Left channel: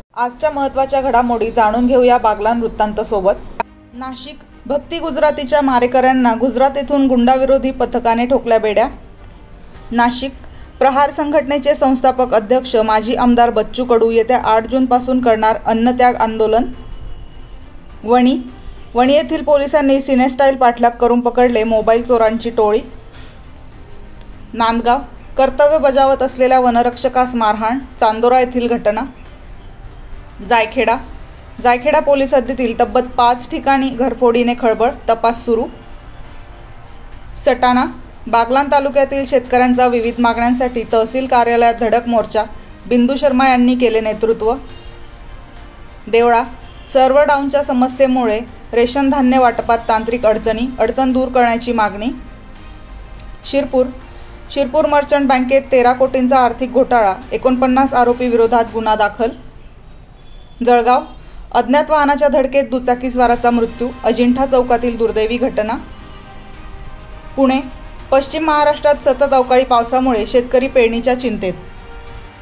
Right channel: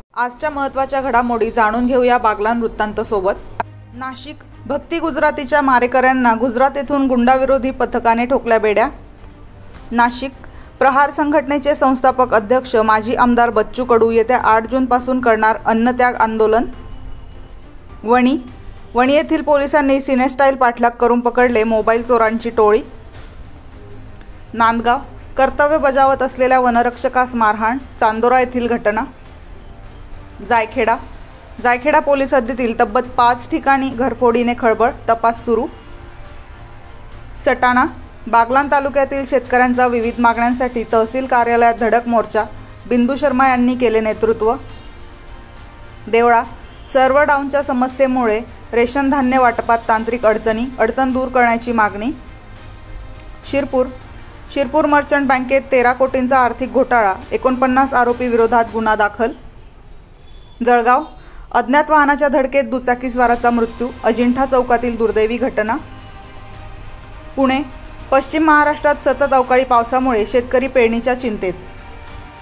आजच्या महत्त्वाच्या घडामोडी जाणून घेऊया बागलाण वृत्तांत सोबत। नाशिक, भक्ती गुजरातीच्या मारेकऱ्यांना गुजरात येथून गुंडाविरोधी पथकाने ठोकल्या बेड्या। नाशिक, प्रहार संघटनेचे संस्थापक अध्यक्ष माजी आमदार बच्चू कडू येत्या 8 जूनपासून करणार अन्नत्याग आंदोलन। वणी येथील पोलिसांनी सिनेस्टाईल पाठलाग करून पकडले मोबाईल चोरांची टोळी। नांदगाव, कर्तव्य बजावत असलेल्या वनरक्षकास मारहाण, चांदोरा येथील घटना। जायखेडा पोलीस हद्दीतील तब्बल 5 ठिकाणी घरफोडीने खळबळ, तपास सुरू। सटाणा, बागलाण तालुक्यातील शेतकऱ्यांचा विविध मागण्यांसाठी तहसील कार्यालयात धडक मोर्चा, बिंदू शर्मा यांनी केले नेतृत्व। देवळा, सर्व्हर डाऊनच्या समस्येमुळे रेशन धान्य वाटपात तांत्रिक अडचण दूर करण्याची मागणी। शिरपूर मर्चंट बँकेत 13 कोटींचा आर्थिक घोटाळा, 49 आरोपी विरोधात गुन्हा दाखल। जळगाव, अज्ञात वाहनाच्या धडकेत दुचाकीस्वाराचा मृत्यू, अजिंठा चौकातील दुर्दैवी घटना। पुणे, पश्चिम महाराष्ट्रात सतत अवकाळी पावसामुळे शेतकरी पेरणीच्या चिंतेत।